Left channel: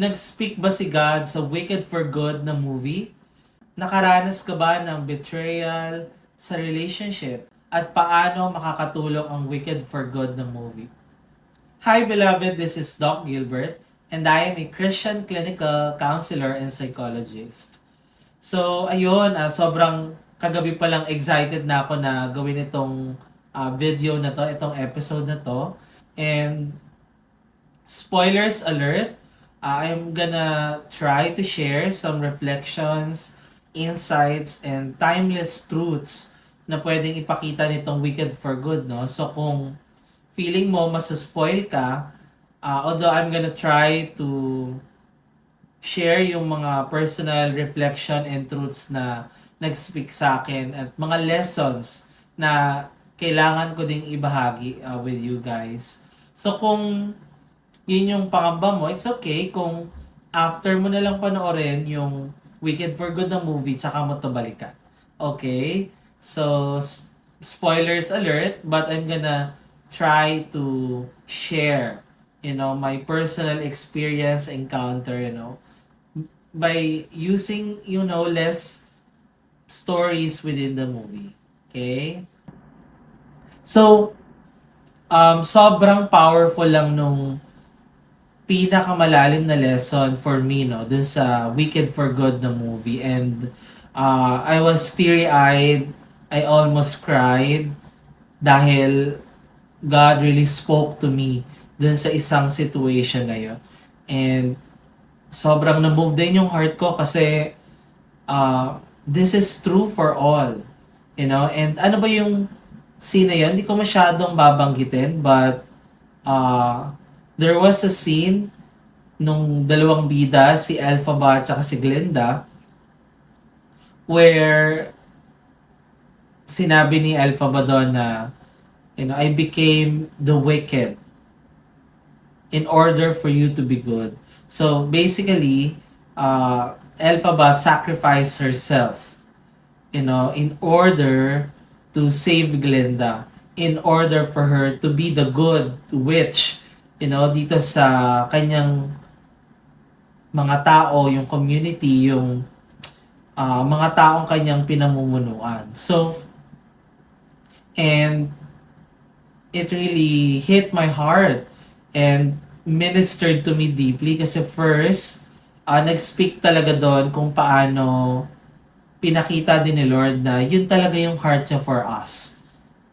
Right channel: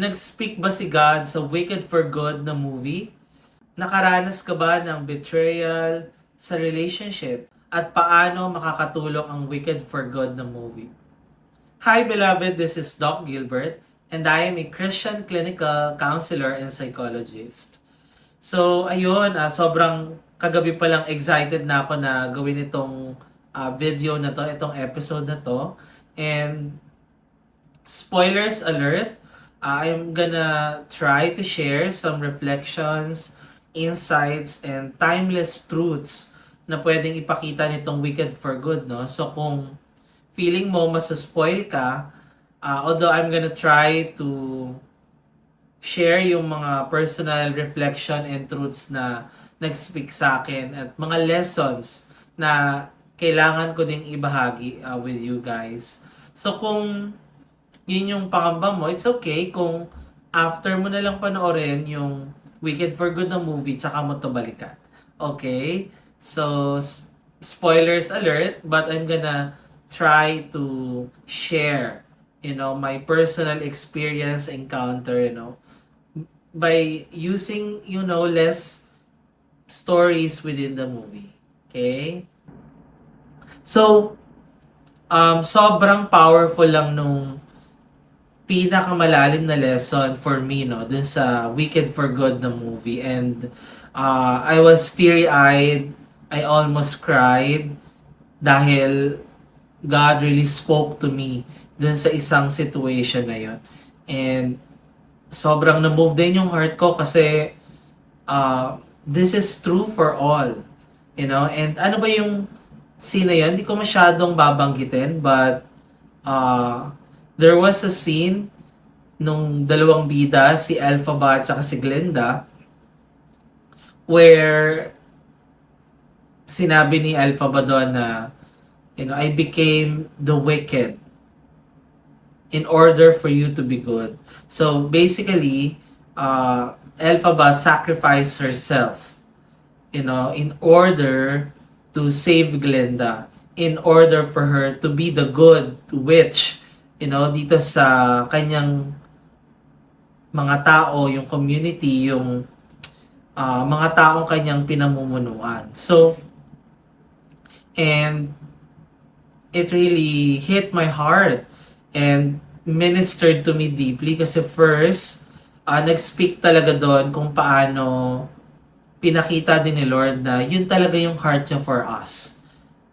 Nag-speak ba si God sa Wicked for Good na movie? Nakaranas ka ba ng betrayal sa relationship? At paano makakatulong ang Wicked for Good na movie? Hi beloved, this is Doc Gilbert and I am a Christian clinical counselor and psychologist. So ayun, sobrang kagabi pa lang excited na ako na gawin itong video na to, itong episode na to. And spoilers alert, I'm gonna try to share some reflections, insights, and timeless truths na pwedeng ipakita nitong Wicked for Good, no? So kung feeling mo masaspoil ka, although I'm gonna try to share yung mga personal reflection and truths na nag-speak sa akin at mga lessons na kailangan ko ding ibahagi with you guys. So kung yun yung pangamba mo, it's okay kung after mo na lang panoorin yung Wicked for Good na movie, tsaka mo to balikan. Okay? So, spoilers alert, but I'm gonna try to share, my personal experience, encounter, by using, less stories within the movie. Okay? So, sobrang powerful lang nung pinakamalalim na lesson for me, no, dun sa Wicked for Good na movie. And I was teary-eyed, I almost cried dahil God really spoke to me dun sa isang situation na yun. And sobrang na-move din yung heart ko kasi this is true for all. And ano ba yung scene na yun? Hindi ko masyadong babanggitin, but there was a scene nung dalawang bida, si Elphaba at si Glenda, where sinabi ni Elphaba doon na, I became the wicked in order for you to be good. So basically, Elphaba sacrificed herself, in order to save Glenda, in order for her to be the good witch, dito sa kanyang mga tao, yung community, yung mga taong kanyang pinamumunuan. So, and it really hit my heart and ministered to me deeply kasi first, nag-speak talaga doon kung paano pinakita din ni Lord na yun talaga yung heart niya for us.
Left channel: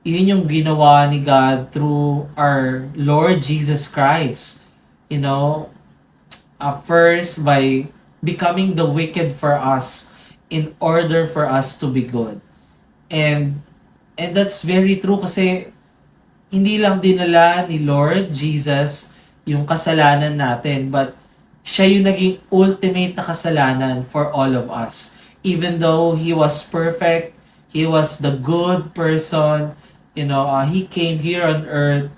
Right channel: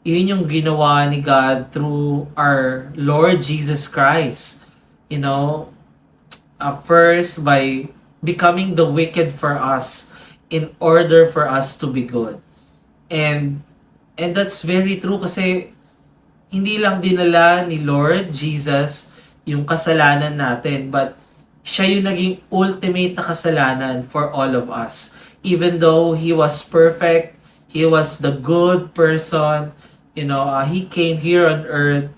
Yun yung ginawa ni God through our Lord Jesus Christ. First by becoming the wicked for us in order for us to be good. And that's very true kasi hindi lang dinala ni Lord Jesus yung kasalanan natin, but siya yung naging ultimate na kasalanan for all of us. Even though He was perfect, He was the good person, He came here on earth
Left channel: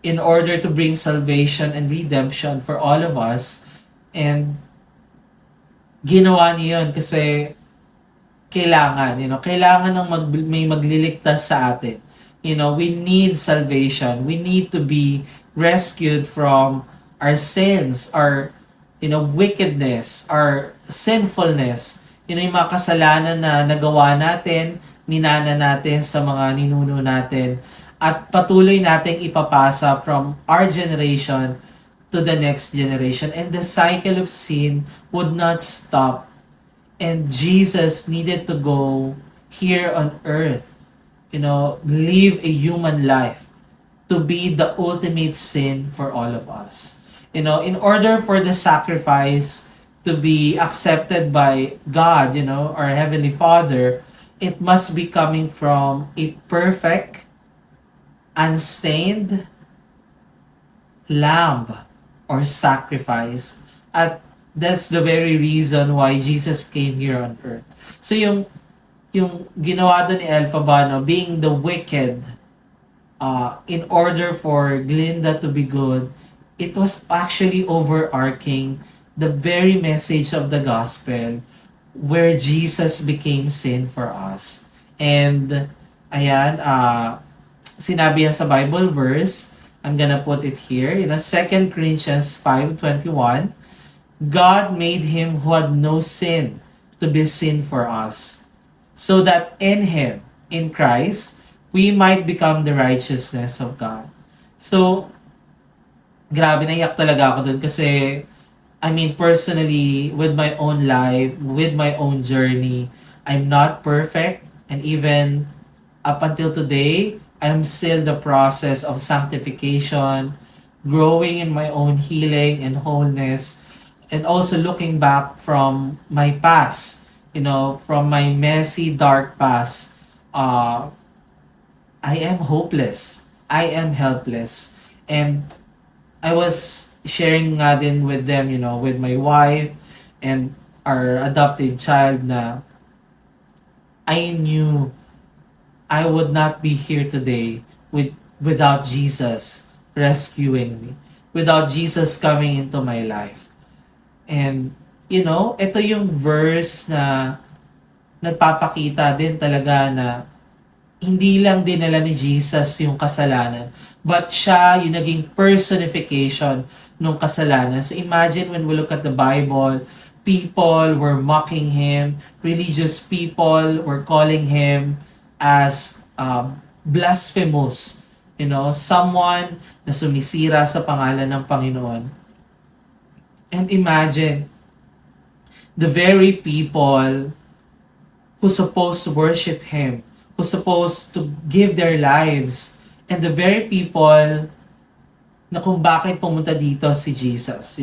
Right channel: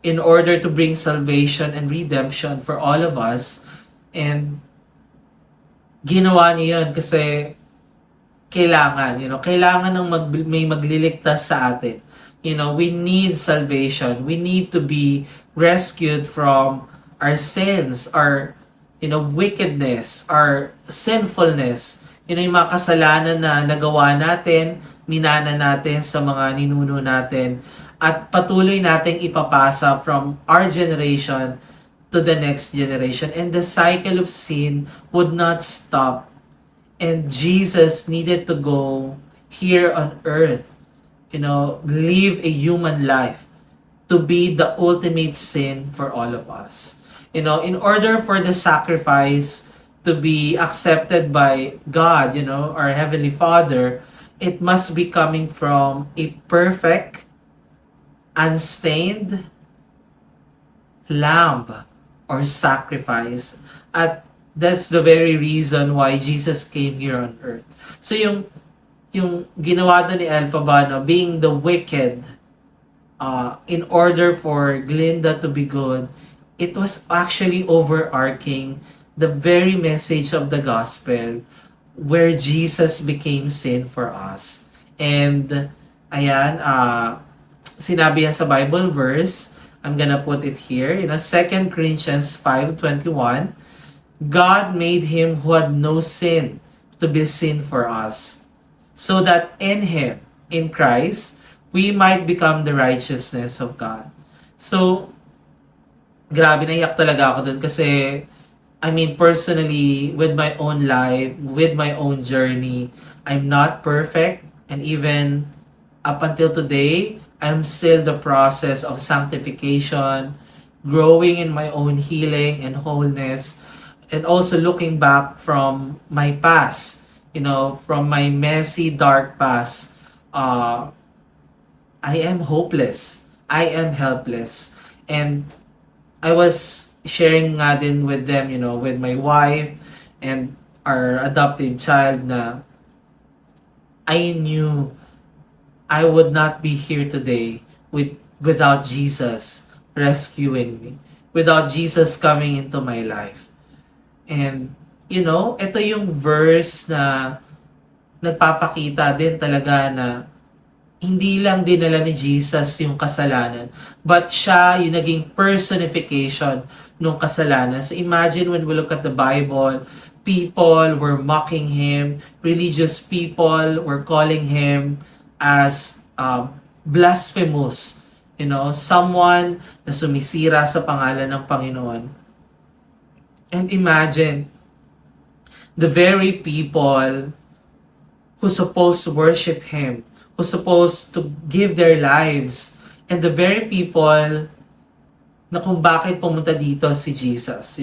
in order to bring salvation and redemption for all of us. And ginawa niya yun kasi kailangan, kailangan ng may magliligtas sa atin. We need salvation. We need to be rescued from our sins, our, wickedness, our sinfulness. Yung mga kasalanan na nagawa natin, minana natin sa mga ninuno natin, at patuloy nating ipapasa from our generation to the next generation. And the cycle of sin would not stop. And Jesus needed to go here on earth, live a human life to be the ultimate sin for all of us. In order for the sacrifice to be accepted by God, our Heavenly Father, it must be coming from a perfect, unstained lamb or sacrifice. At that's the very reason why Jesus came here on earth. So yung ginawa doon ni Elphaba, being the wicked, in order for Glinda to be good, it was actually overarching the very message of the gospel where Jesus became sin for us. And ayan, sinabi yan sa Bible verse, I'm gonna put it here, 2 Corinthians 5:21, God made him who had no sin to be sin for us, so that in him, in Christ, we might become the righteousness of God. So, grabe, naiyak talaga ako dun kasi, I mean, personally, with my own life, with my own journey, I'm not perfect. And even up until today, I'm still the process of sanctification, growing in my own healing and wholeness, and also looking back from my past, from my messy, dark past. Uh, I am hopeless. I am helpless. And I was sharing nga din with them, with my wife and our adopted child na I knew I would not be here today without Jesus rescuing me, without Jesus coming into my life. And, ito yung verse na nagpapakita din talaga na hindi lang dinala ni Jesus yung kasalanan, but siya yung naging personification ng kasalanan. So imagine when we look at the Bible, people were mocking him, religious people were calling him as blasphemous, someone na sumisira sa pangalan ng Panginoon. And imagine, the very people who supposed to worship him, who supposed to give their lives, and the very people na kung bakit pumunta dito si Jesus,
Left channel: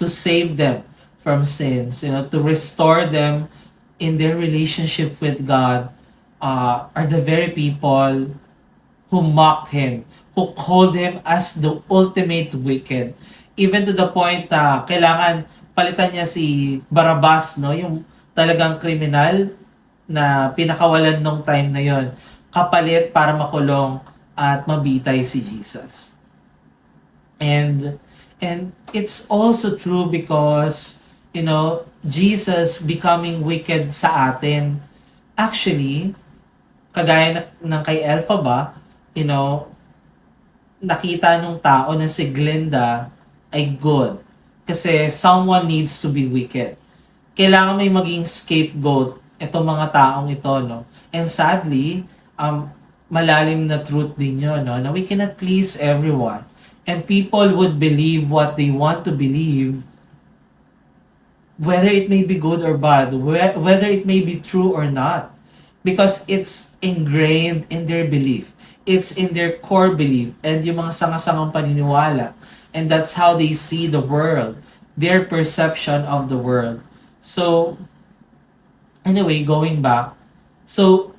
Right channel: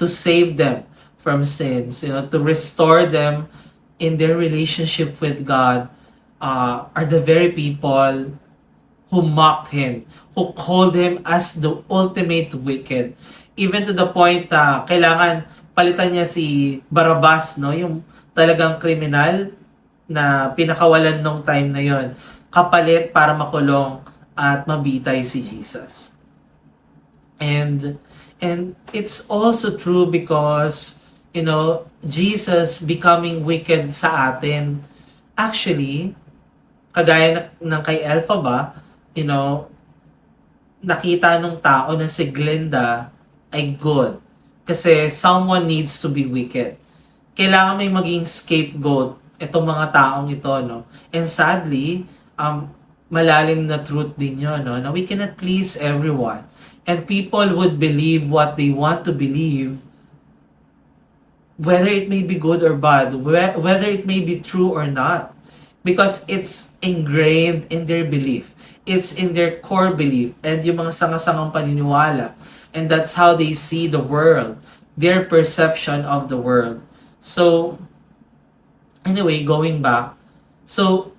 to save them from sins, to restore them in their relationship with God, are the very people who mocked him, who called him as the ultimate wicked. Even to the point na kailangan palitan niya si Barabbas, yung talagang kriminal na pinakawalan nung time na yon, kapalit para makulong at mabitay si Jesus. And it's also true because, Jesus becoming wicked sa atin. Actually, kagaya ng kay Elpha ba, nakita nung tao na si Glinda ay good. Kasi someone needs to be wicked. Kailangan may maging scapegoat itong mga taong ito, no? And sadly, malalim na truth din yun, no? Na we cannot please everyone. And people would believe what they want to believe, whether it may be good or bad, whether it may be true or not. Because it's ingrained in their belief. It's in their core belief and yung mga sanga-sangang paniniwala. And that's how they see the world, their perception of the world. So, anyway, going back, so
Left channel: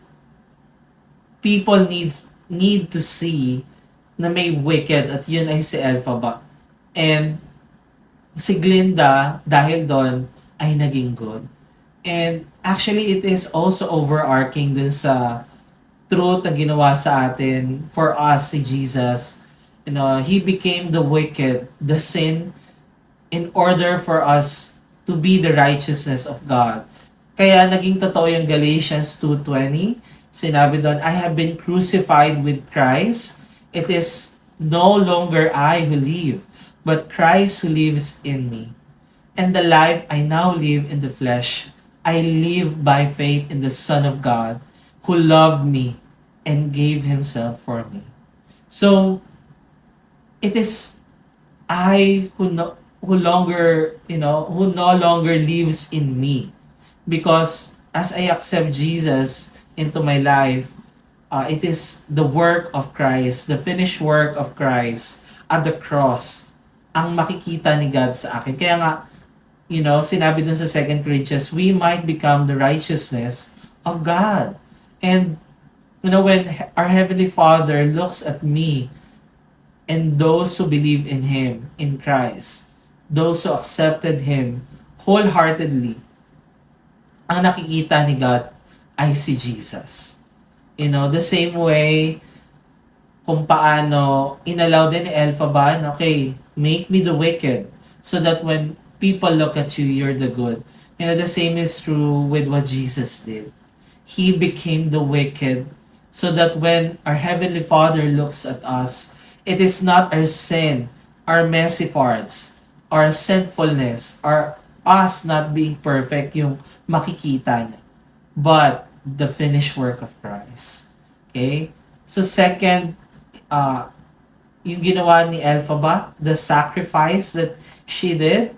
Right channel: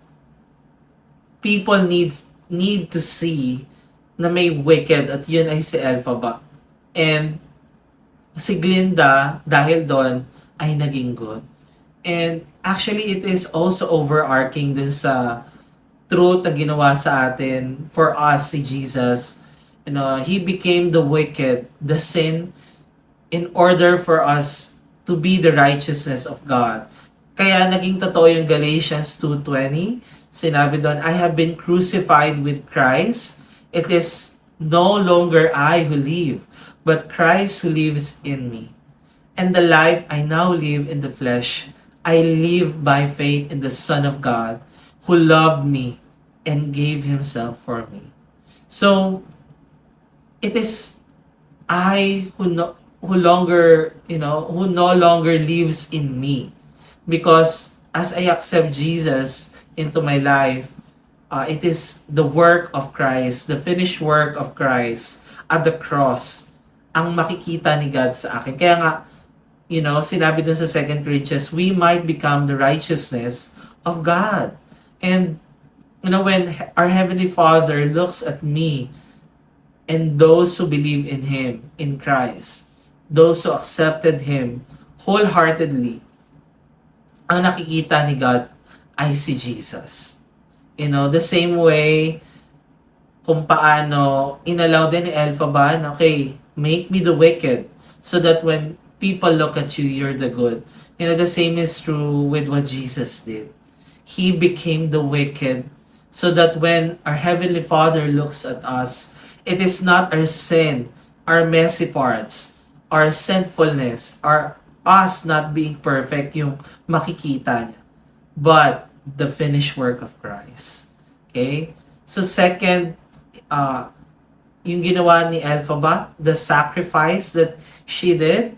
people need to see na may wicked at yun ay si Elphaba. And si Glinda, dahil doon, ay naging good. And actually, it is also overarching dun sa truth na ginawa sa atin for us, si Jesus. He became the wicked, the sin, in order for us to be the righteousness of God. Kaya naging totoo yung Galatians 2:20. Sinabi doon, I have been crucified with Christ. It is no longer I who live, but Christ who lives in me. And the life I now live in the flesh, I live by faith in the Son of God, who loved me and gave himself for me. So, it is I who no longer lives in me. Because as I accept Jesus into my life, it is the work of Christ, the finished work of Christ at the cross, ang makikita ni God sa akin. Kaya nga, sinabi dun sa 2 Corinthians, we might become the righteousness of God. And, when our Heavenly Father looks at me and those who believe in Him, in Christ, those who accepted Him wholeheartedly, ang nakikita ni God ay si Jesus. The same way kung paano inallow din ni Elphaba, okay, make me the wicked so that when people look at you, you're the good. The same is true with what Jesus did. He became the wicked so that when our Heavenly Father looks at us, it is not our sin, our messy parts, our sinfulness, our us not being perfect yung makikita niya, but the finished work of Christ. Okay? So second, yung ginawa ni Elphaba, the sacrifice that she did,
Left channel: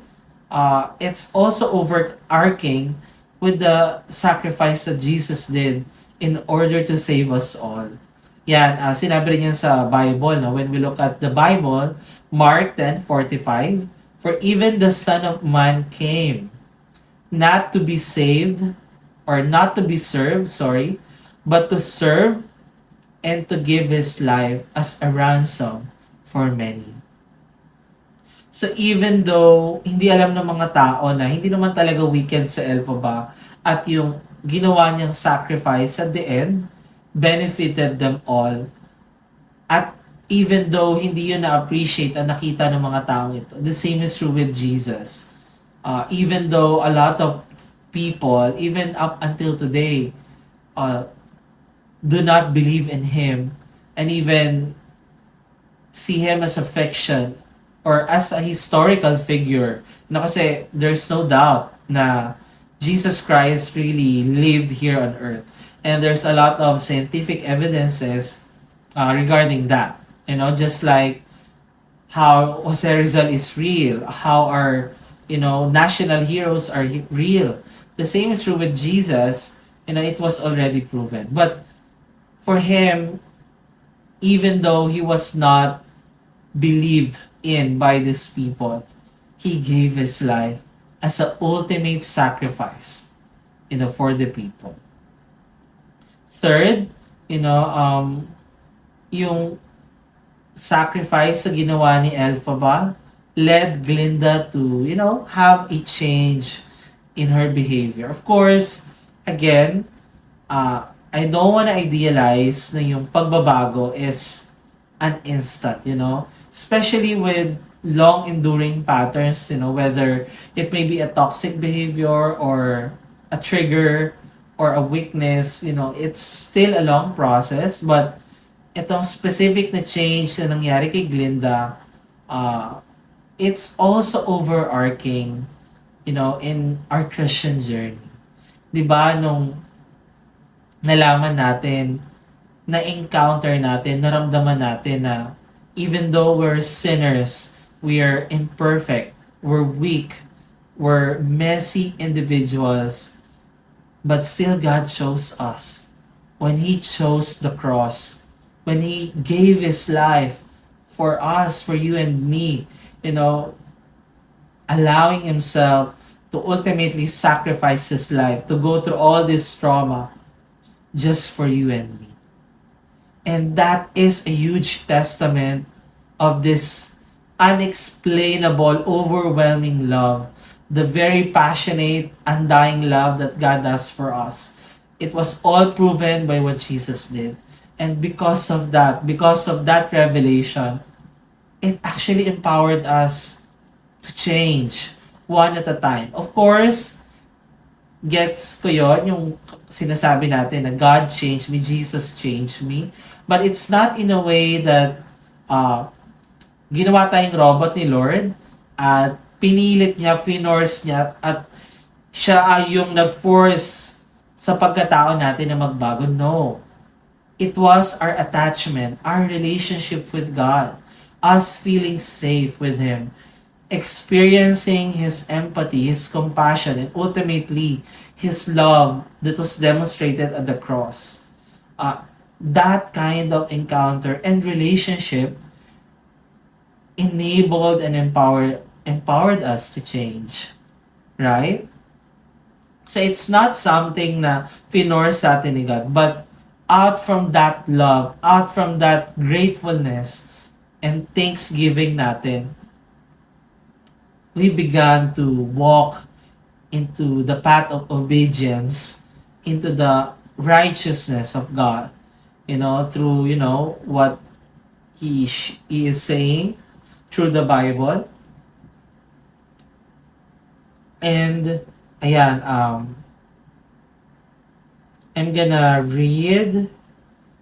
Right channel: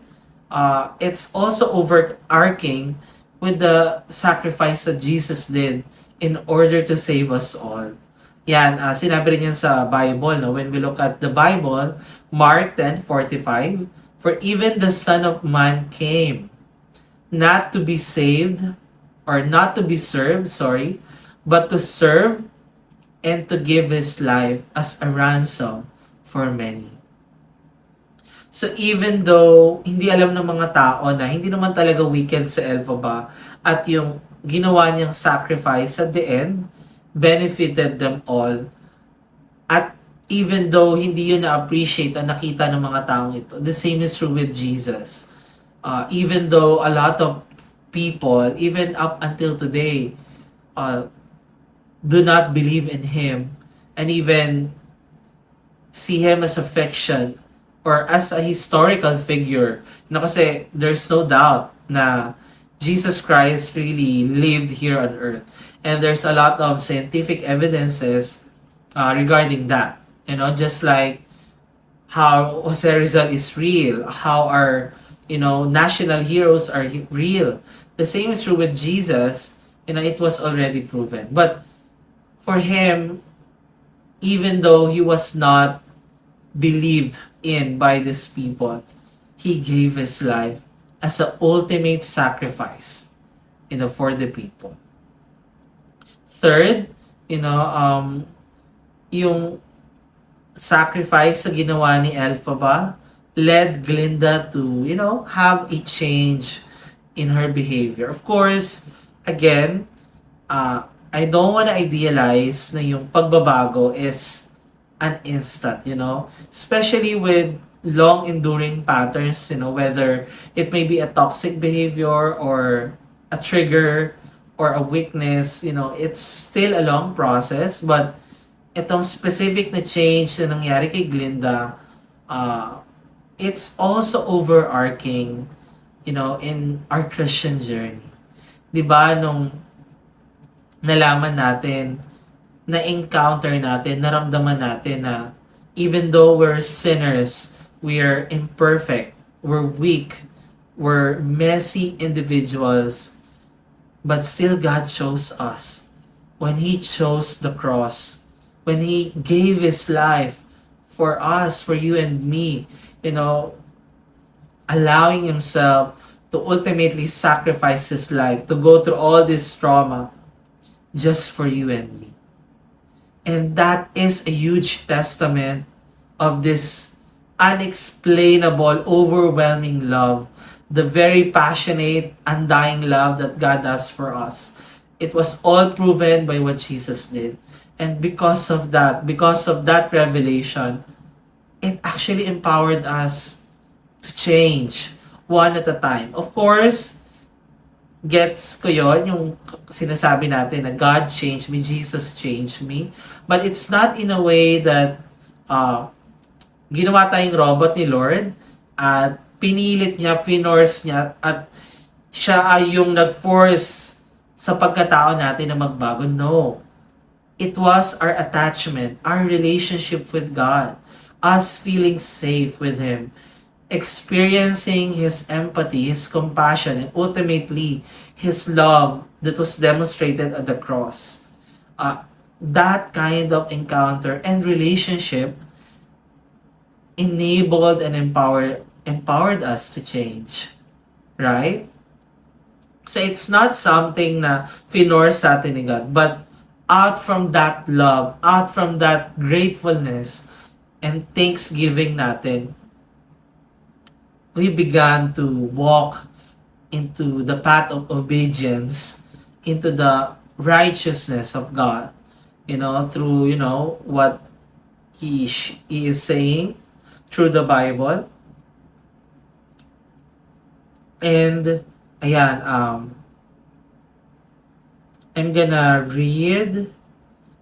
it's also overarching with the sacrifice that Jesus did in order to save us all. Yan, sinabi rin yan sa Bible. No? When we look at the Bible, Mark 10:45, for even the Son of Man came not to be saved, or not to be served, sorry, but to serve and to give His life as a ransom for many. So even though hindi alam ng mga tao na hindi naman talaga wicked sa Elphaba, at yung ginawa niyang sacrifice at the end benefited them all, at even though hindi yun na-appreciate at nakita ng mga taong ito, the same is true with Jesus. Even though a lot of people, even up until today, do not believe in Him and even see Him as a fiction or as a historical figure. Kasi there's no doubt na Jesus Christ really lived here on earth. And there's a lot of scientific evidences regarding that. Just like how Jose Rizal is real, how our national heroes are real. The same is true with Jesus. It was already proven. But for Him, even though He was not believed in by these people, He gave His life as an ultimate sacrifice, for the people. Third, yung sacrifice sa ginawa ni Elphaba led Glinda to, have a change in her behavior. Of course, again, I don't want to idealize na yung pagbabago is an instant, especially with long-enduring patterns, whether it may be a toxic behavior or a trigger or a weakness, it's still a long process. But itong specific na change na nangyari kay Glinda, it's also overarching, in our Christian journey. Diba, nung nalaman natin, na-encounter natin, naramdaman natin na even though we're sinners, we are imperfect, we're weak, we're messy individuals, but still God chose us. When He chose the cross, when He gave His life for us, for you and me, allowing Himself to ultimately sacrifice His life, to go through all this trauma just for you and me. And that is a huge testament of this unexplainable, overwhelming love, the very passionate, undying love that God has for us. It was all proven by what Jesus did. And because of that revelation, it actually empowered us to change one at a time. Of course, gets ko yun, yung sinasabi natin na God changed me, Jesus changed me. But it's not in a way that ginawa tayong robot ni Lord at pinilit niya, finorce niya, at siya ay yung nag-force sa pagkatao natin na magbago. No. It was our attachment, our relationship with God, us feeling safe with Him, experiencing His empathy, His compassion, and ultimately, His love that was demonstrated at the cross. That kind of encounter and relationship enabled and empowered us to change. Right? So it's not something na finorce sa atin ni God, but out from that love, out from that gratefulness and thanksgiving natin, we began to walk into the path of obedience, into the righteousness of God, through, what He is saying through the Bible. And, ayan, I'm gonna read.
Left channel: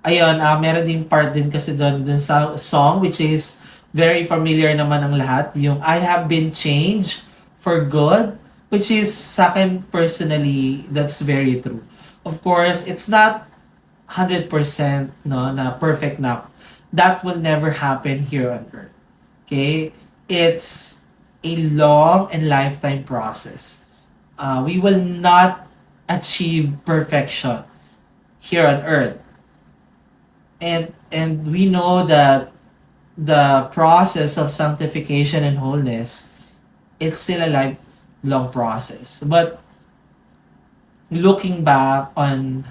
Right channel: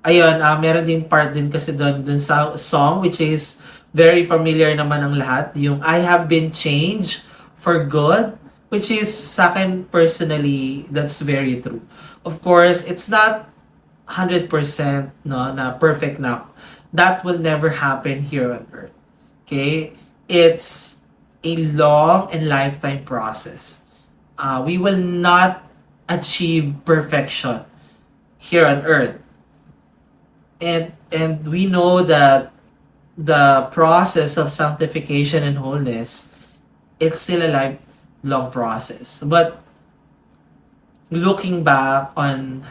Ayun, meron din part din kasi doon sa song, which is very familiar naman ang lahat. Yung I have been changed for good Which is, sa akin personally, that's very true. Of course, it's not 100% no, na perfect na. That will never happen here on earth. Okay? It's a long and lifetime process. We will not achieve perfection here on earth. And we know that the process of sanctification and wholeness, it's still a lifelong process. But looking back on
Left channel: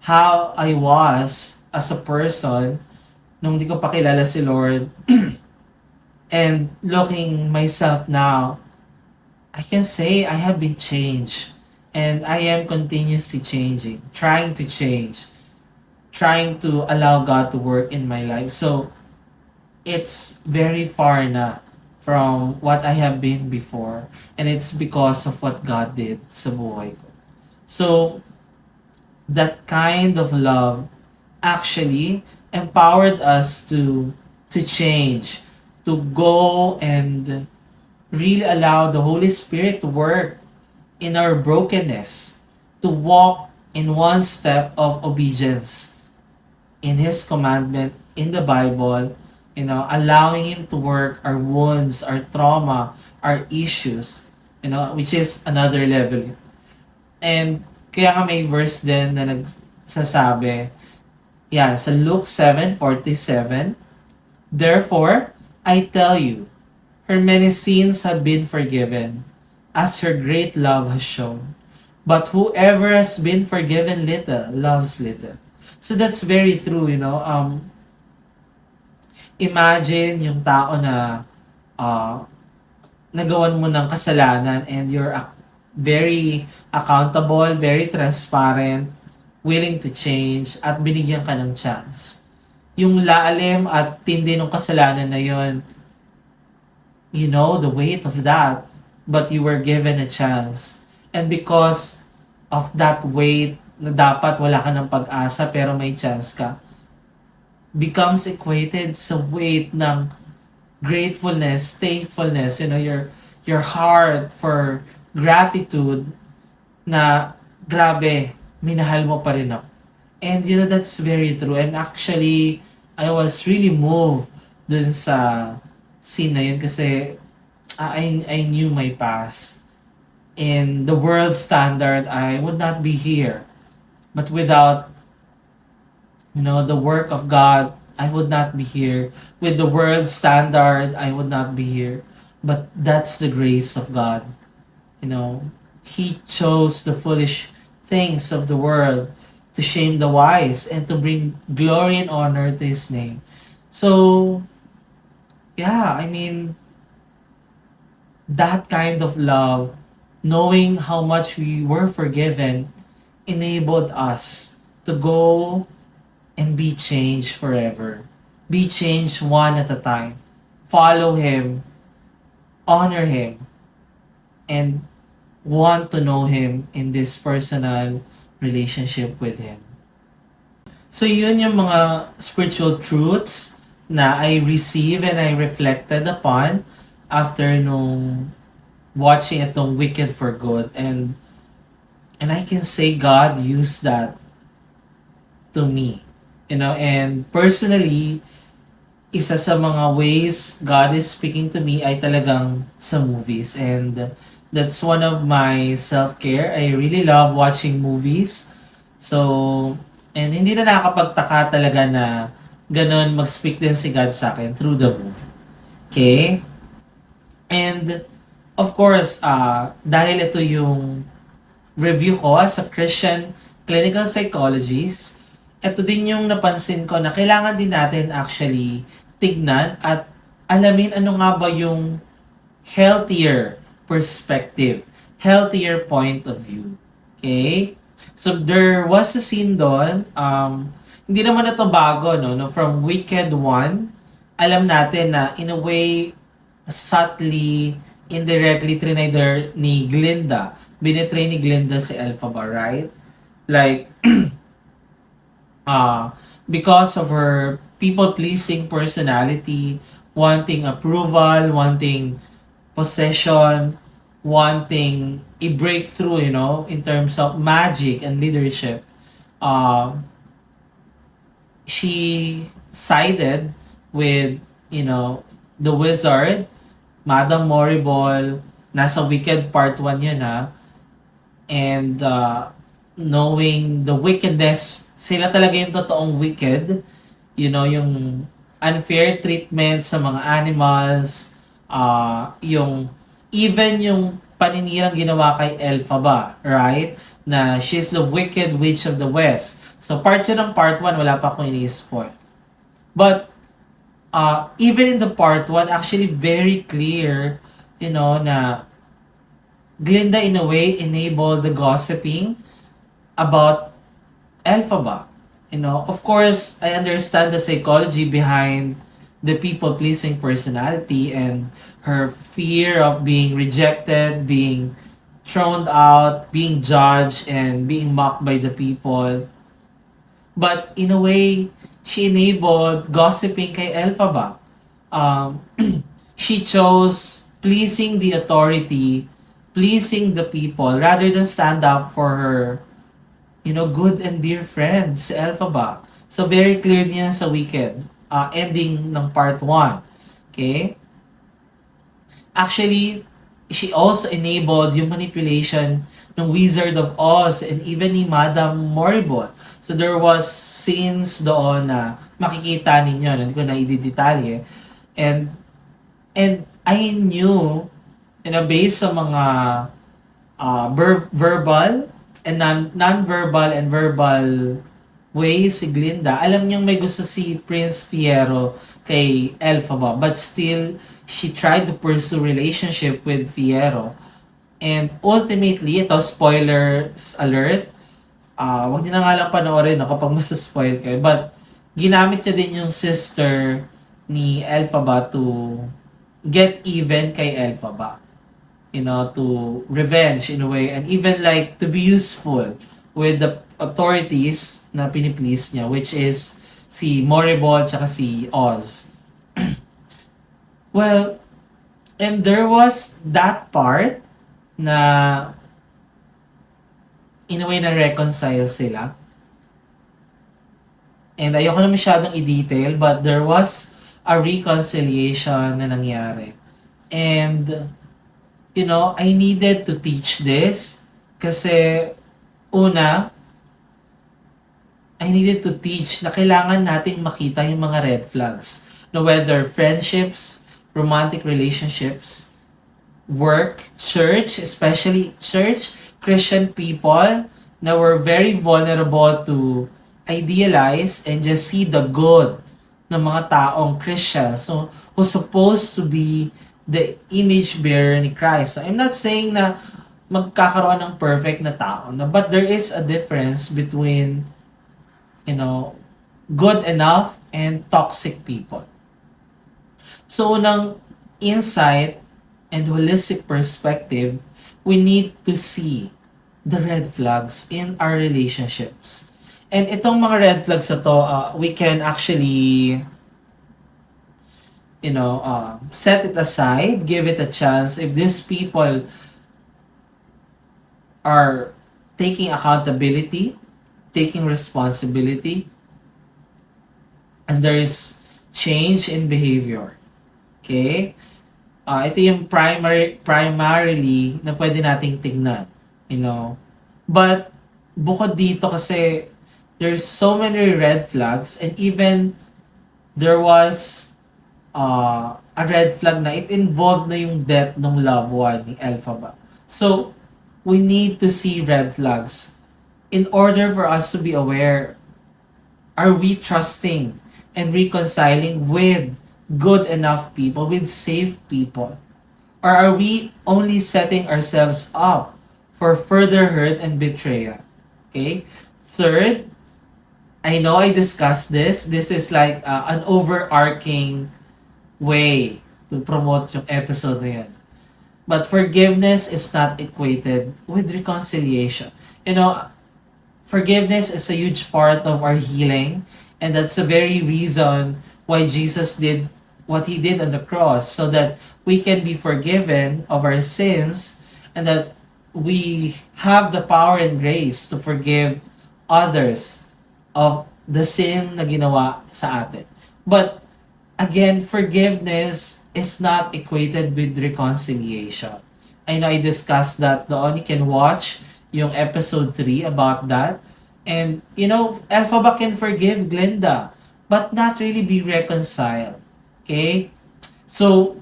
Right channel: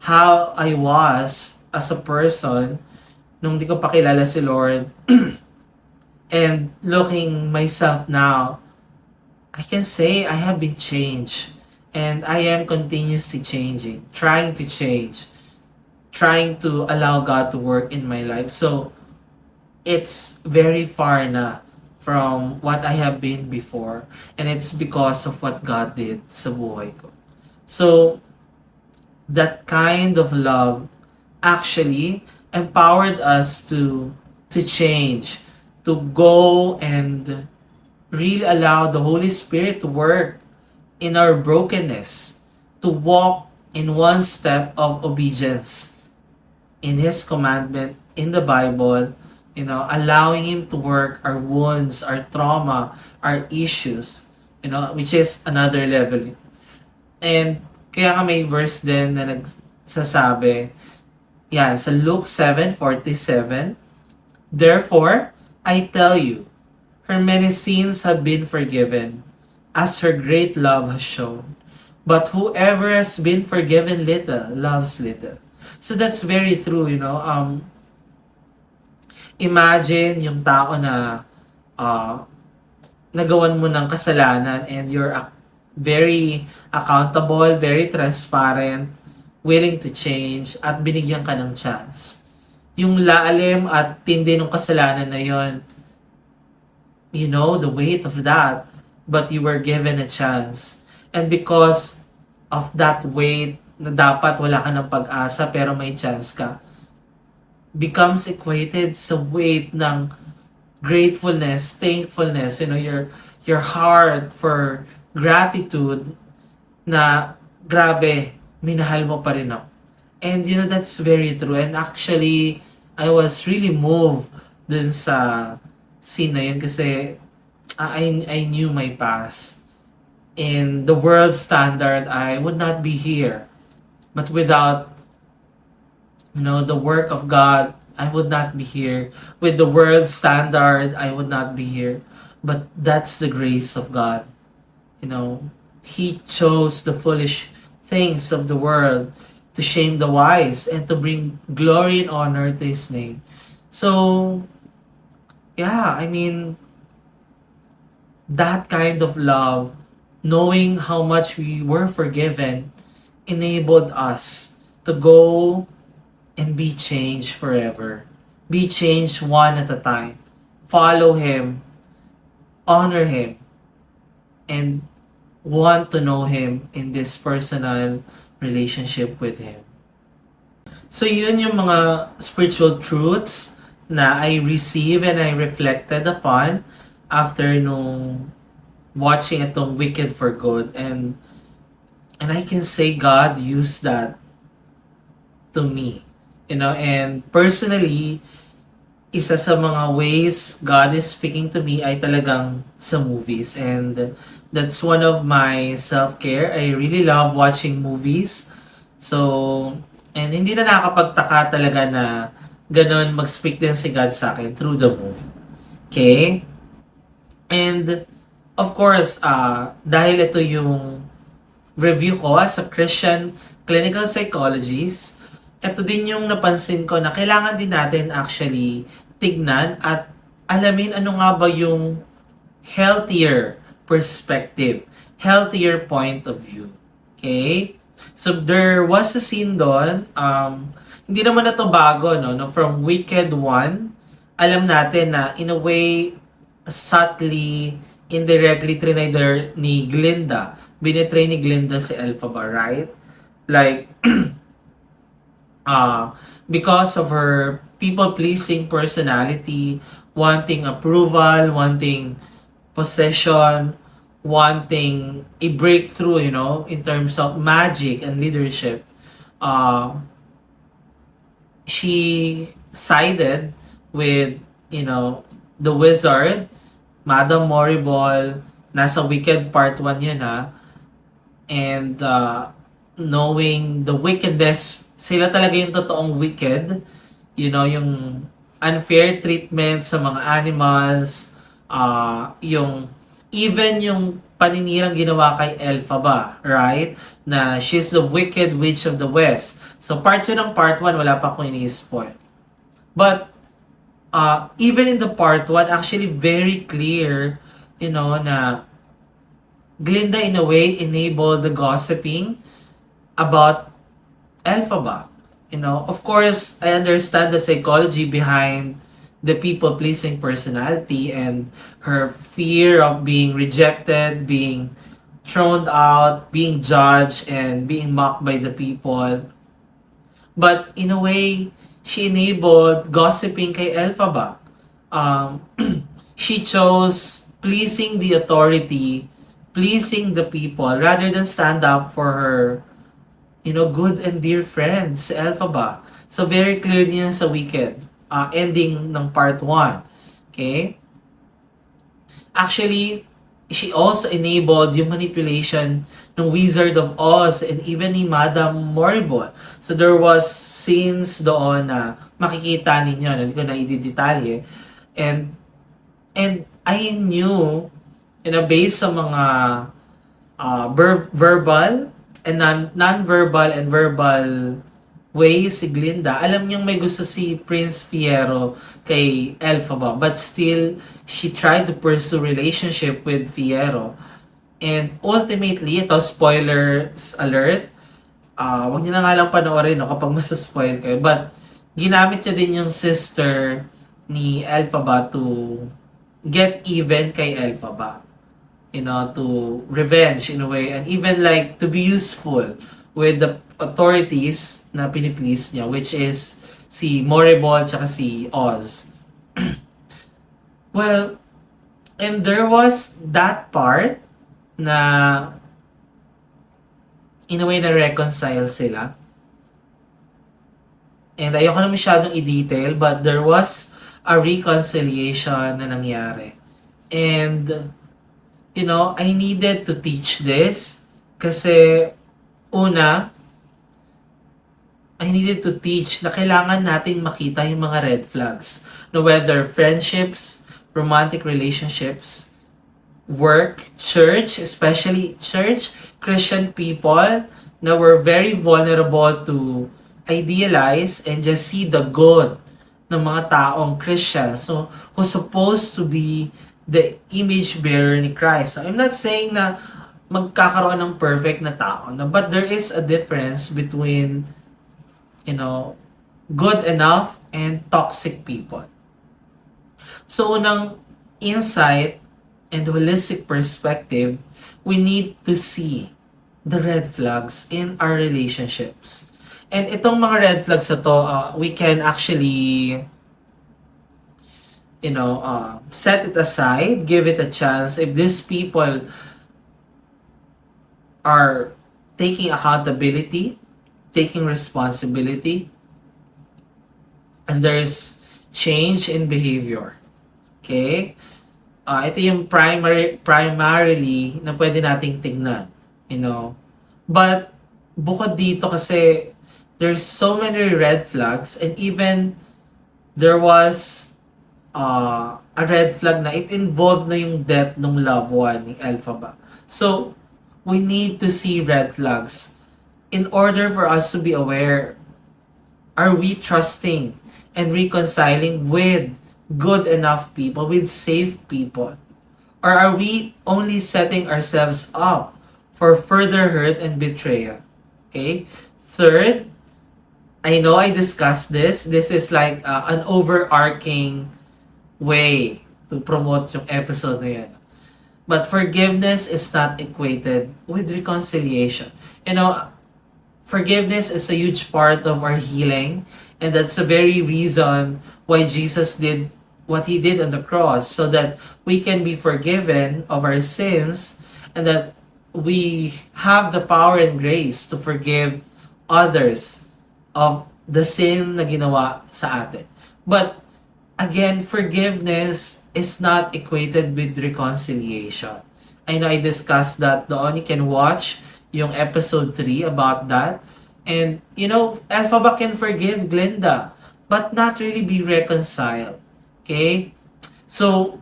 how I was as a person nung di ko pa kilala si Lord, and looking myself now, I can say I have been changed. And I am continuously changing, trying to change, trying to allow God to work in my life. So, it's very far na from what I have been before. And it's because of what God did sa buhay ko. So, that kind of love actually empowered us to change, to go and really allow the Holy Spirit to work in our brokenness, to walk in one step of obedience in His commandment in the Bible, allowing Him to work our wounds, our trauma, our issues, which is another level. And kaya nga may verse din na nagsasabi, yan, sa Luke 7:47, "Therefore, I tell you, her many sins have been forgiven, as her great love has shown. But whoever has been forgiven little, loves little." So that's very true, Imagine yung tao na nagawan mo ng kasalanan and you're very accountable, very transparent, willing to change, at binigyan ka ng chance. Yung lalim at tindi ng kasalanan na yon, the weight of that, but you were given a chance. And because of that weight na dapat wala ka ng pag-asa pero may chance ka, becomes equated sa weight ng gratefulness, thankfulness, your heart for gratitude na grabe, minahal mo pa rin ako. And that's very true. And actually, I was really moved dun sa scene na yun kasi I knew my past. In the world standard, I would not be here. But without, the work of God, I would not be here. With the world standard, I would not be here. But that's the grace of God. He chose the foolish things of the world to shame the wise and to bring glory and honor to His name. So, yeah, that kind of love, knowing how much we were forgiven, enabled us to go and be changed forever. Be changed one at a time. Follow Him, honor Him, and want to know Him in this personal relationship with Him. So yun yung mga spiritual truths na I receive and I reflected upon after nung watching itong Wicked for Good. And I can say God used that to me. And personally, isa sa mga ways God is speaking to me ay talagang sa movies. And that's one of my self-care. I really love watching movies. So, and hindi na nakakapagtaka talaga na ganun mag-speak din si God sa akin through the movie. Okay? And, of course, dahil ito yung review ko as a Christian clinical psychologist, ito din yung napansin ko na kailangan din natin actually tignan at alamin ano nga ba yung healthier perspective, healthier point of view. Okay? So there was a scene doon, hindi naman na to bago, no? From Wicked 1, alam natin na in a way, subtly, indirectly trinay ni Glinda. Binetray ni Glinda si Elphaba, right? Like, because of her people-pleasing personality, wanting approval, wanting possession, wanting a breakthrough, in terms of magic and leadership. Um, she sided with, the wizard, Madam Moriball. Nasa Wicked Part 1 yan, ha. And knowing the wickedness, sila talaga yung totoong wicked. Yung unfair treatment sa mga animals, yung even yung paninirang ginawa kay Elphaba, right? Na she's the wicked witch of the West. So part 2 ng part 1, wala pa akong ini-spoil. But even in the part 1, actually very clear, na Glinda in a way enabled the gossiping about Elphaba. Of course, I understand the psychology behind the people-pleasing personality and her fear of being rejected, being thrown out, being judged, and being mocked by the people. But in a way, she enabled gossiping kay Elphaba. She chose pleasing the authority, pleasing the people, rather than stand up for her, good and dear friend, si Elphaba. So, very clear yan sa Wicked. Ending ng part 1. Okay? Actually, she also enabled yung manipulation ng Wizard of Oz and even ni Madam Moriball. So, there was scenes doon na makikita ninyo, hindi ko na i-detalye. And I knew, based sa mga verbal and non-verbal and verbal ways si Glinda, alam niyang may gusto si Prince Fiyero kay Elphaba, but still, she tried to pursue relationship with Fiyero. And ultimately, ito, spoilers alert, wag niyo na nga lang panoorin kapag masaspoil kayo, but ginamit niya din yung sister ni Elphaba to get even kay Elphaba. To revenge in a way, and even like to be useful with the authorities na piniplease niya, which is si Moriball tsaka si Oz. Well, and there was that part na in a way na reconcile sila. And ayoko na masyadong i-detail, but there was a reconciliation na nangyari. And I needed to teach this kasi una, I needed to teach na kailangan nating makita yung mga red flags. No, whether friendships, romantic relationships, work, church, especially church, Christian people na were very vulnerable to idealize and just see the good ng mga taong Christian. So, who's supposed to be the image bearer ni Christ. So, I'm not saying na magkakaroon ng perfect na tao, but there is a difference between, good enough and toxic people. So, unang insight and holistic perspective, we need to see the red flags in our relationships. And itong mga red flags na to, we can actually set it aside, give it a chance. If these people are taking accountability, taking responsibility, and there is change in behavior. Okay? Ito yung primarily na pwede nating tignan. But bukod dito kasi there's so many red flags, and even there was a red flag na it involved na yung death ng loved one ni Elphaba. So, we need to see red flags in order for us to be aware, are we trusting and reconciling with good enough people, with safe people? Or are we only setting ourselves up for further hurt and betrayal? Okay? Third, I know I discussed this. This is like an overarching way to promote yung episode na yan. But forgiveness is not equated with reconciliation. Forgiveness is a huge part of our healing, and that's the very reason why Jesus did what he did on the cross, so that we can be forgiven of our sins and that we have the power and grace to forgive others of the sin na ginawa sa atin. But again, forgiveness is not equated with reconciliation. I know I discussed that doon. You can watch yung episode 3 about that. And, Elphaba can forgive Glinda, but not really be reconciled. Okay? So,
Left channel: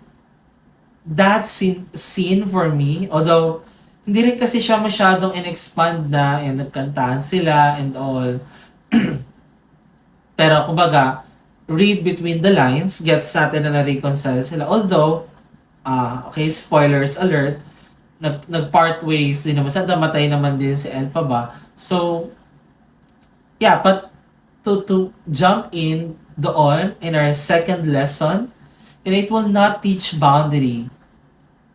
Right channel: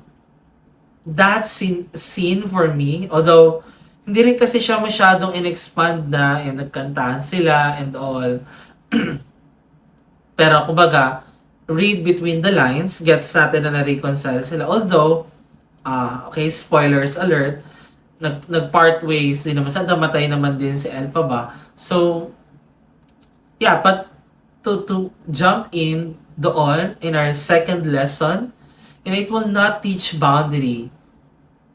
that scene for me, although hindi rin kasi siya masyadong in-expand na and nagkantahan sila and all. Pero kumbaga, read between the lines, gets natin na na-reconcile sila. Although, okay, spoilers alert, nag-part ways din naman. Namatay naman din si Elphaba. So, yeah, but to jump in doon in our second lesson, it will not teach boundary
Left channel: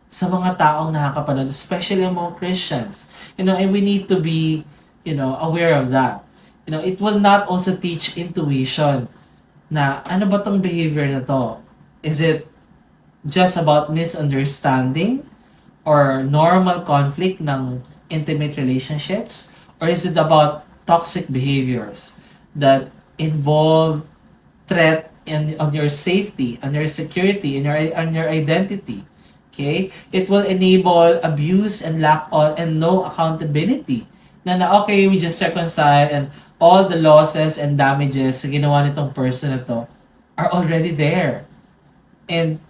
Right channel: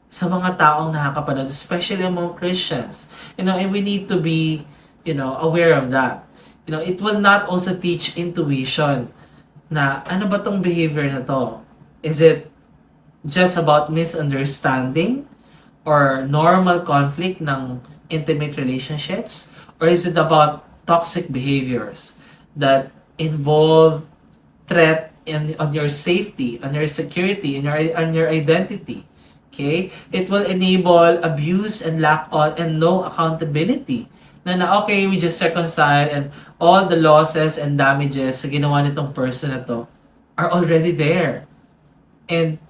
sa mga taong nakakapanood, especially among Christians. And we need to be, aware of that. It will not also teach intuition na ano ba tong behavior na to? Is it just about misunderstanding or normal conflict ng intimate relationships? Or is it about toxic behaviors that involve threat on your safety, on your security, on your identity? Okay? It will enable abuse and lack of and no accountability. Na okay, we just reconcile and all the losses and damages sa ginawa nitong person na to are already there. And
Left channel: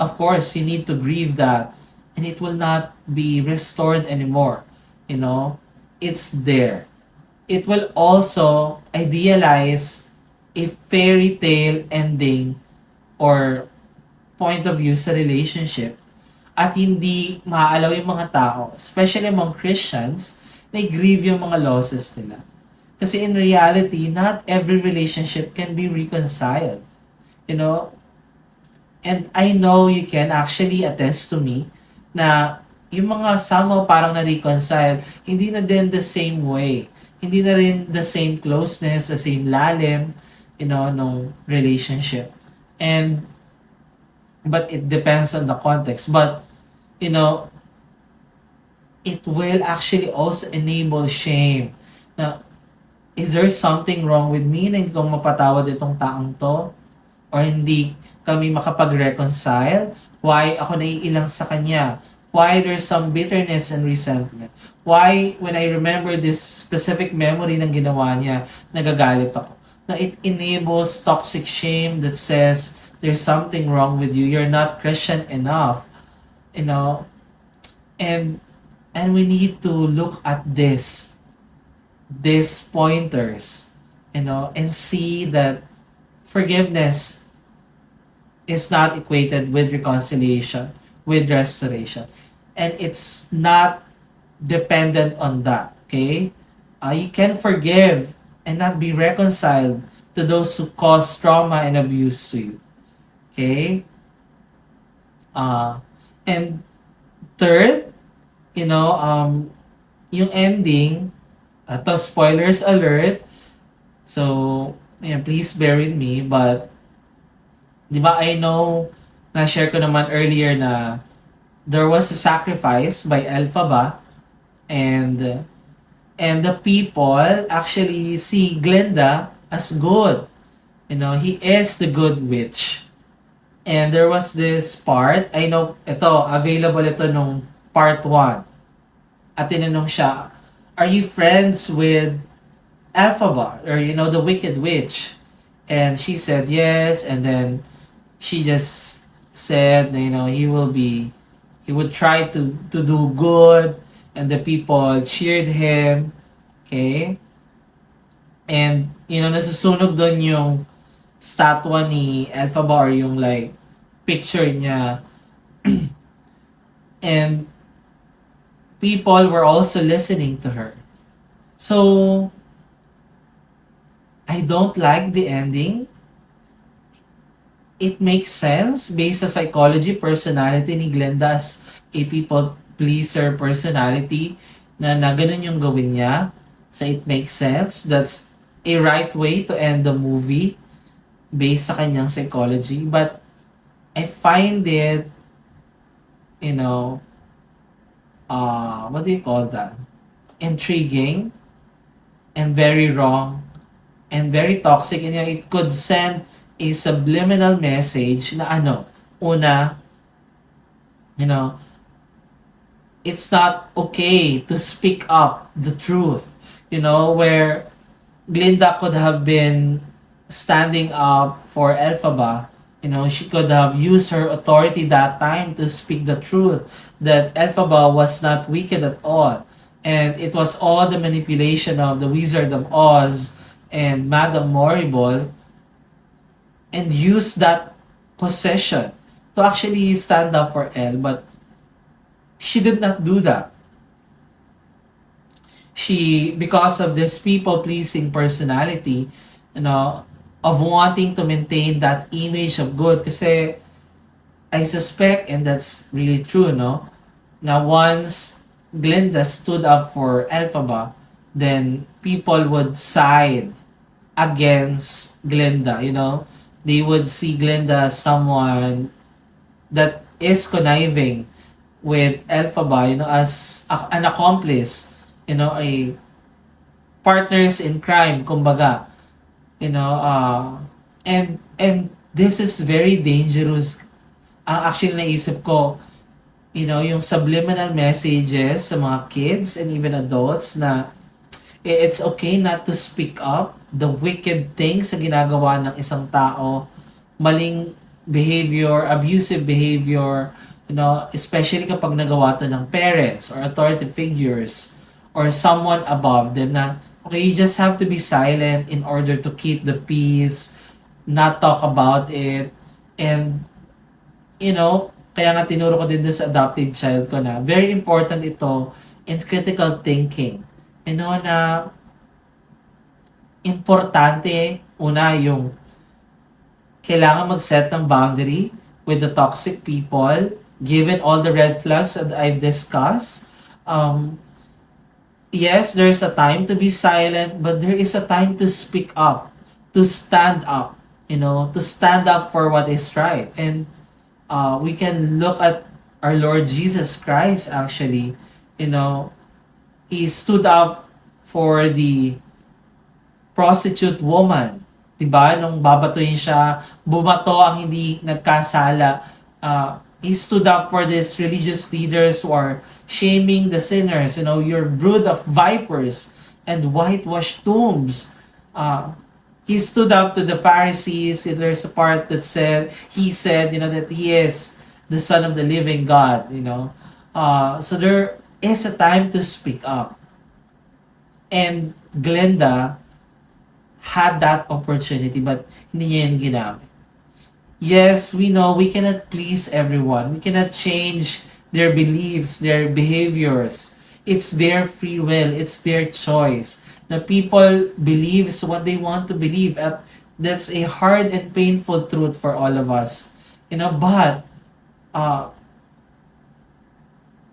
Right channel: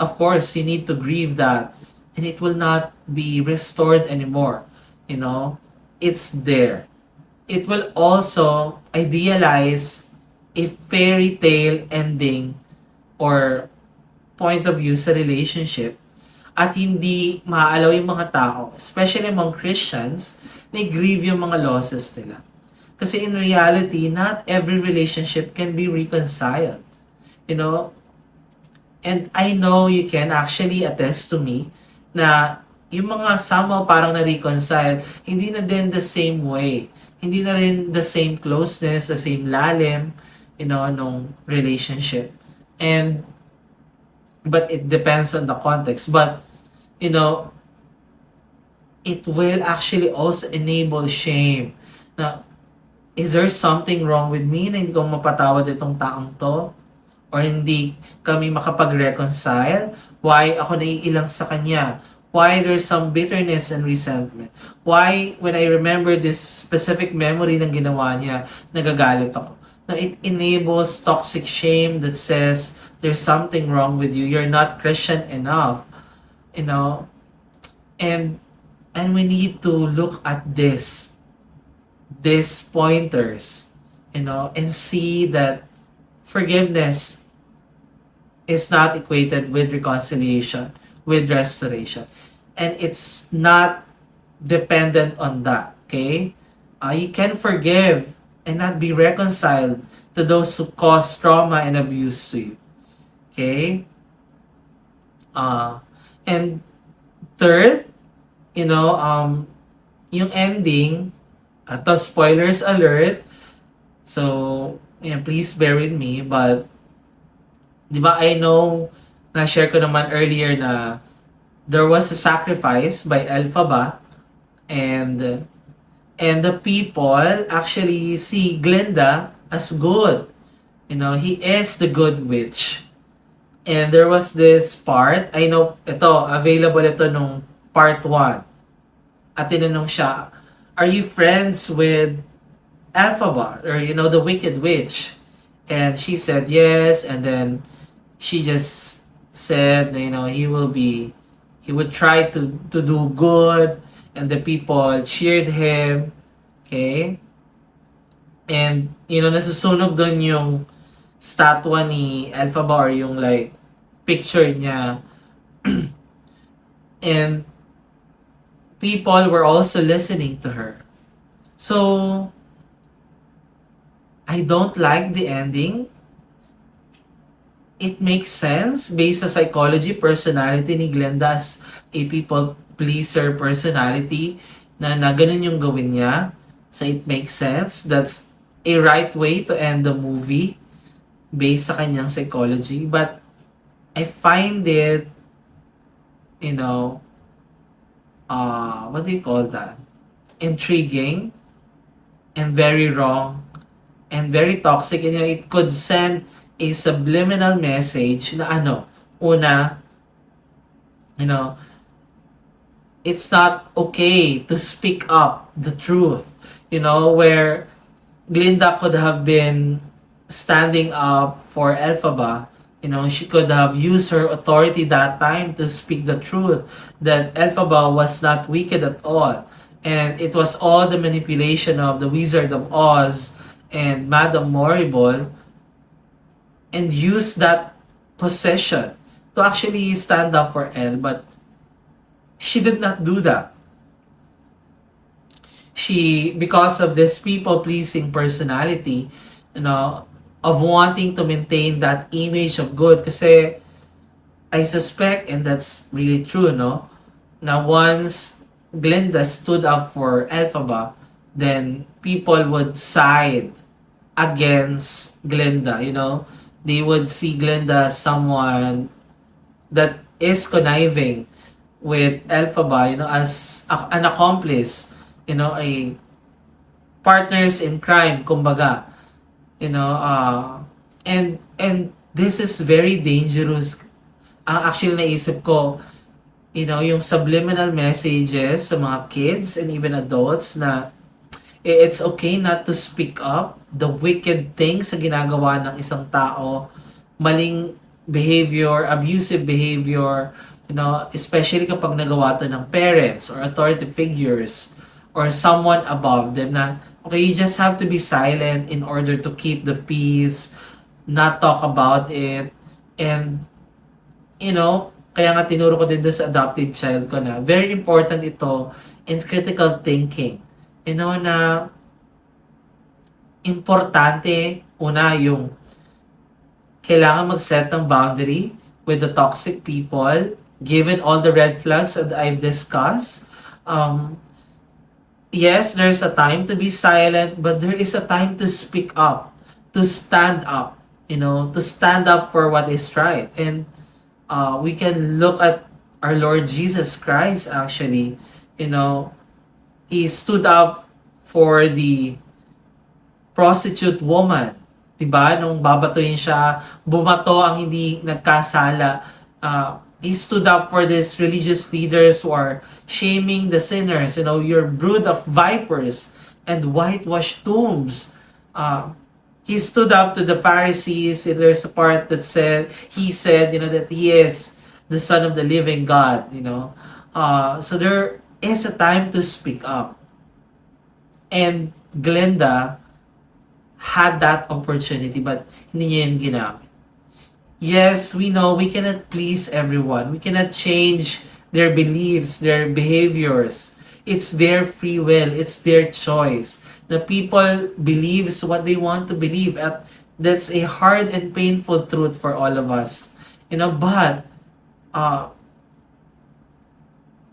of course, you need to grieve that and it will not be restored anymore. It's there. It will also idealize a fairy tale ending or point of view sa relationship at hindi maaalaw yung mga tao, especially among Christians, na i-grieve yung mga losses nila. Kasi in reality, not every relationship can be reconciled. And I know you can actually attest to me na yung mga somehow parang na-reconcile, hindi na din the same way. Hindi na rin the same closeness, the same lalim, nung relationship. But it depends on the context. But, it will actually also enable shame. Na, is there something wrong with me na hindi ko mapatawad itong taong to? Or hindi kami makapag-reconcile? Why ako naiilang sa kanya? Why there's some bitterness and resentment? Why when I remember this specific memory ng ginawa niya, nagagalit ako? Now, it enables toxic shame that says there's something wrong with you. You're not Christian enough. And we need to look at these pointers, and see that forgiveness is not equated with reconciliation, with restoration. And it's not dependent on that, okay? You can forgive and not be reconciled to those who cause trauma and abuse to you, okay? And third, yung ending, to spoilers alert, so, please bear with me, but, di ba, I know, na-share ko naman earlier na there was a sacrifice by Elphaba, and the people actually see Glinda as good. He is the good witch. And there was this part, I know, available ito nung part 1. At tinanong siya, are you friends with Elphaba? Or, the wicked witch? And she said yes, and then she just said, he would try to do good, and the people cheered him, okay? And, nasusunog doon yung statwa ni Elphaba or yung picture niya. And people were also listening to her. So, I don't like the ending. It makes sense based sa psychology, personality ni Glinda as a people pleaser personality na ganun yung gawin niya. So it makes sense. That's a right way to end the movie based sa kanyang psychology. But I find it, what do you call that? Intriguing and very wrong and very toxic, and it could send a subliminal message na una, you know, it's not okay to speak up the truth, where Glinda could have been standing up for Elphaba. She could have used her authority that time to speak the truth that Elphaba was not wicked at all. And it was all the manipulation of the Wizard of Oz and Madame Morrible, and use that possession to actually stand up for Elle. But she did not do that. She, because of this people-pleasing personality, of wanting to maintain that image of good. Kasi I suspect, and that's really true, na once Glinda stood up for Elphaba, then people would side against Glinda, They would see Glinda as someone that is conniving with Elphaba, as an accomplice, a partners in crime, kumbaga, and this is very dangerous. Actually, naisip ko, yung subliminal messages sa mga kids and even adults na it's okay not to speak up the wicked things sa ginagawa ng isang tao, maling behavior, abusive behavior, especially kapag nagawa to ng parents or authority figures or someone above them, na okay, you just have to be silent in order to keep the peace, not talk about it. And kaya nga tinuro ko din doon sa adoptive child ko na very important ito in critical thinking. Na importante, una, yung kailangan mag-set ng boundary with the toxic people, given all the red flags that I've discussed. Yes, there's a time to be silent, but there is a time to speak up, to stand up, to stand up for what is right. And we can look at our Lord Jesus Christ, actually. He stood up for the prostitute woman. Diba? Nung babatuhin siya, bumato ang hindi nagkasala. He stood up for these religious leaders who are shaming the sinners. Your brood of vipers and whitewashed tombs. He stood up to the Pharisees. There's a part that he said, that he is the Son of the living God. So there is a time to speak up. And Glinda had that opportunity, but hindi niya yan ginamit. Yes, we know we cannot please everyone. We cannot change their beliefs, their behaviors. It's their free will. It's their choice. The people believes what they want to believe. At that's a hard and painful truth for all of us. But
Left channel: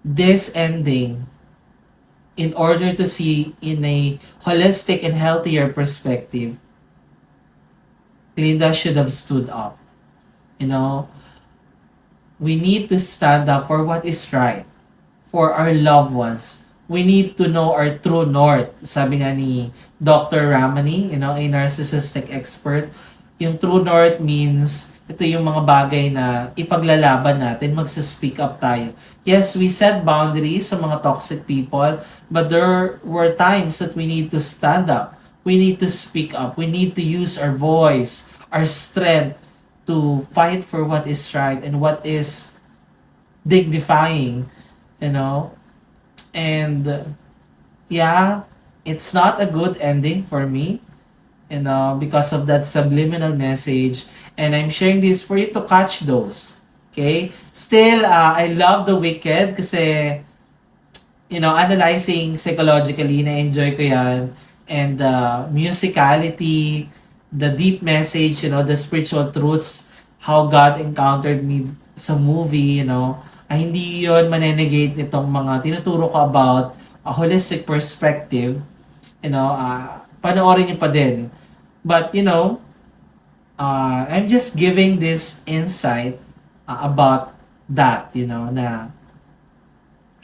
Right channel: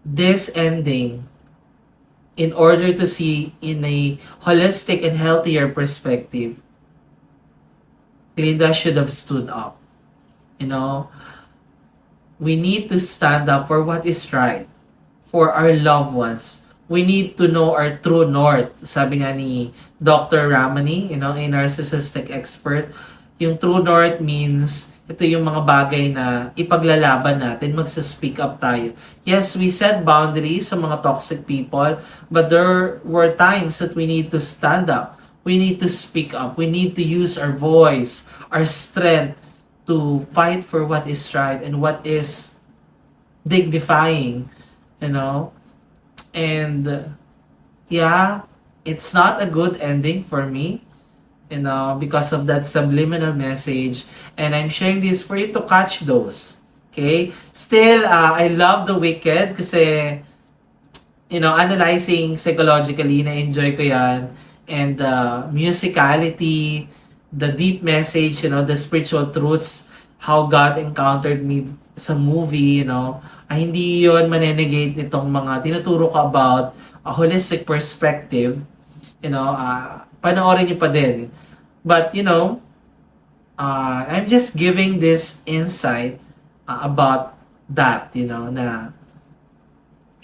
this ending, in order to see in a holistic and healthier perspective, Glinda should have stood up. We need to stand up for what is right for our loved ones. We need to know our true north. Sabi nga ni Dr. Ramani, a narcissistic expert, yung true north means ito yung mga bagay na ipaglalaban natin, magsa-speak up tayo. Yes, we set boundaries sa mga toxic people, but there were times that we need to stand up. We need to speak up. We need to use our voice, our strength, to fight for what is right and what is dignifying, and yeah, it's not a good ending for me, because of that subliminal message, and I'm sharing this for you to catch those. Okay, still I love The Wicked kasi analyzing psychologically, na-enjoy ko yan, and the musicality, the deep message, the spiritual truths, how God encountered me sa movie, ay hindi yun manenegate nitong mga tinuturo ko about a holistic perspective. Panoorin nyo pa din. But, I'm just giving this insight about that, na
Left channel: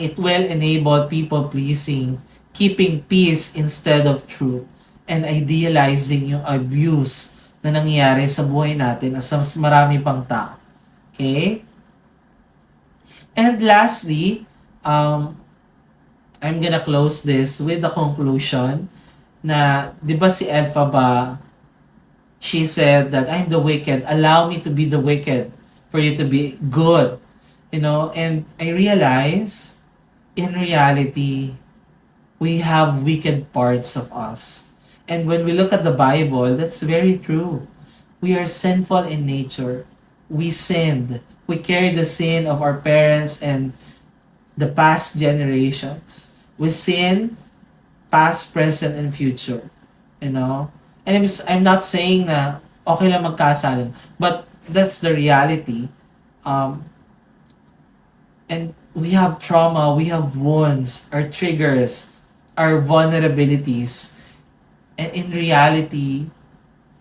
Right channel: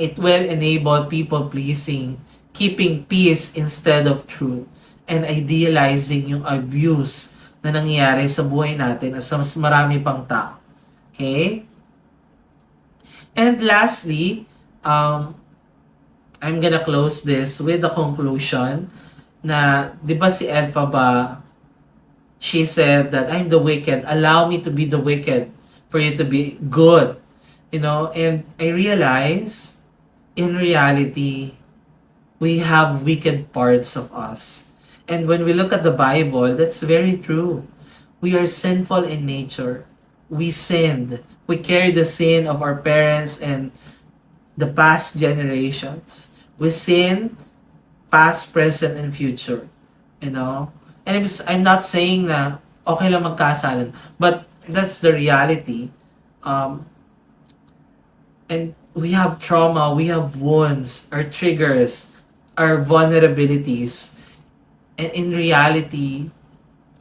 It will enable people pleasing, keeping peace instead of truth, and idealizing yung abuse na nangyayari sa buhay natin at sa mas marami pang tao. Okay? And lastly, I'm gonna close this with the conclusion na, di ba si Elphaba, she said that I'm the wicked, allow me to be the wicked for you to be good. And I realize, in reality, we have wicked parts of us. And when we look at the Bible, that's very true. We are sinful in nature. We sinned. We carry the sin of our parents and the past generations. We sin past, present, and future. And I'm not saying na okay lang magkasalan, but that's the reality. And we have trauma, we have wounds, our triggers, our vulnerabilities. And in reality,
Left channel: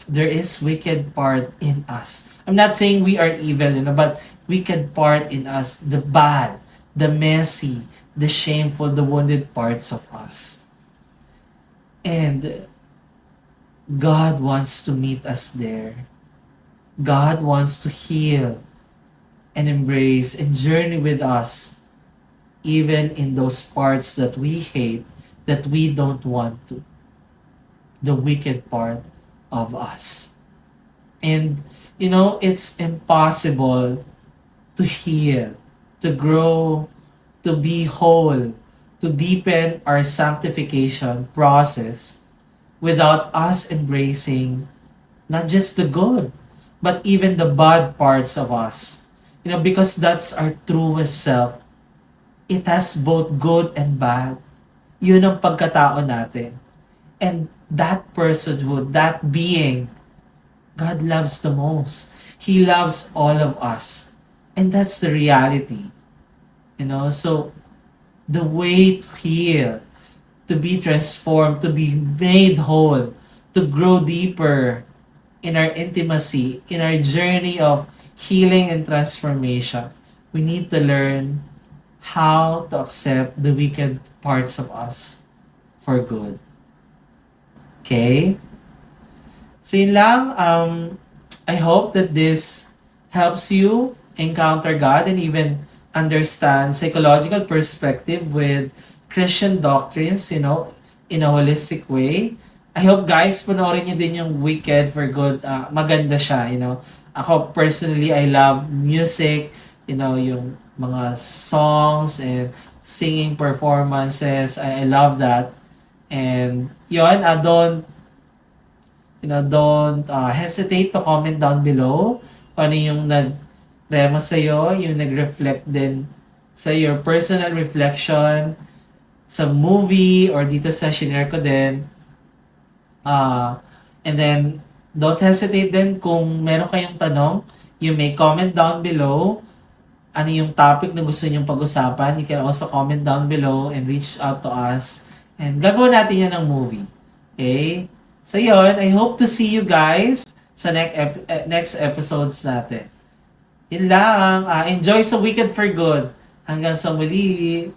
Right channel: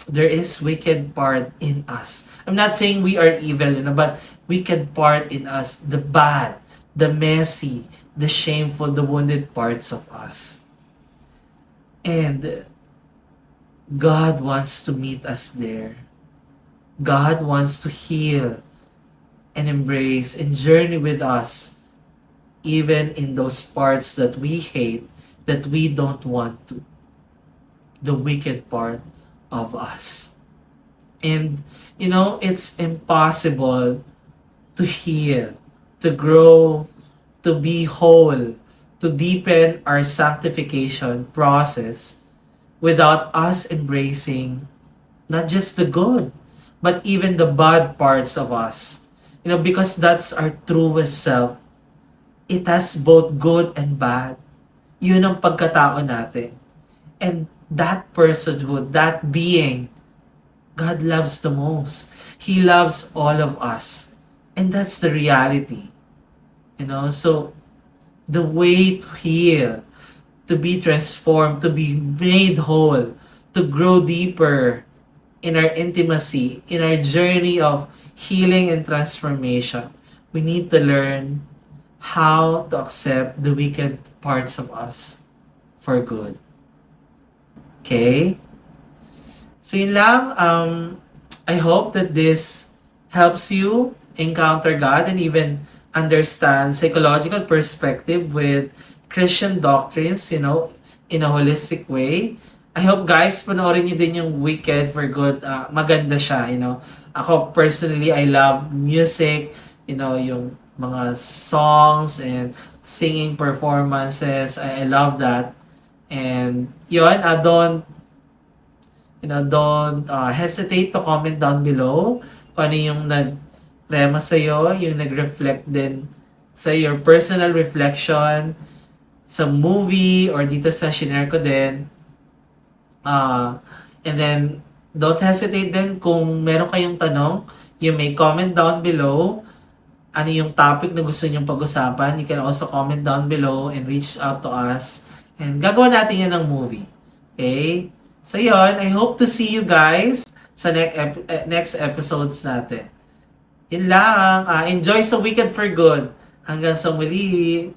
there is wicked part in us. I'm not saying we are evil, but wicked part in us, the bad, the messy, the shameful, the wounded parts of us. And God wants to meet us there. God wants to heal and embrace and journey with us, even in those parts that we hate, that we don't want to. The wicked part of us. And, it's impossible to heal, to grow, to be whole, to deepen our sanctification process without us embracing not just the good, but even the bad parts of us. Because that's our truest self. It has both good and bad. Yun ang pagkatao natin. And that personhood, that being, God loves the most. He loves all of us. And that's the reality. So the way to heal, to be transformed, to be made whole, to grow deeper in our intimacy, in our journey of healing and transformation, we need to learn how to accept the wicked parts of us for good. Okay? So yun lang. I hope that this helps you encounter God and even understand psychological perspective with Christian doctrines, in a holistic way. I hope guys, panoorin nyo din yung Wicked for Good. Maganda siya, Ako personally, I love music, yung mga songs and singing performances. I love that. And yun, don't hesitate to comment down below kung ano yung nag-rema sa'yo, yung nag-reflect din sa your personal reflection sa movie or dito sa shinare ko din. And then, don't hesitate din kung meron kayong tanong, you may comment down below ano yung topic na gusto nyong pag-usapan. You can also comment down below and reach out to us. And gagawa natin yan ng movie. Okay? So yun, I hope to see you guys sa next episodes natin. Yun lang. Enjoy sa Wicked for Good. Hanggang sa muli.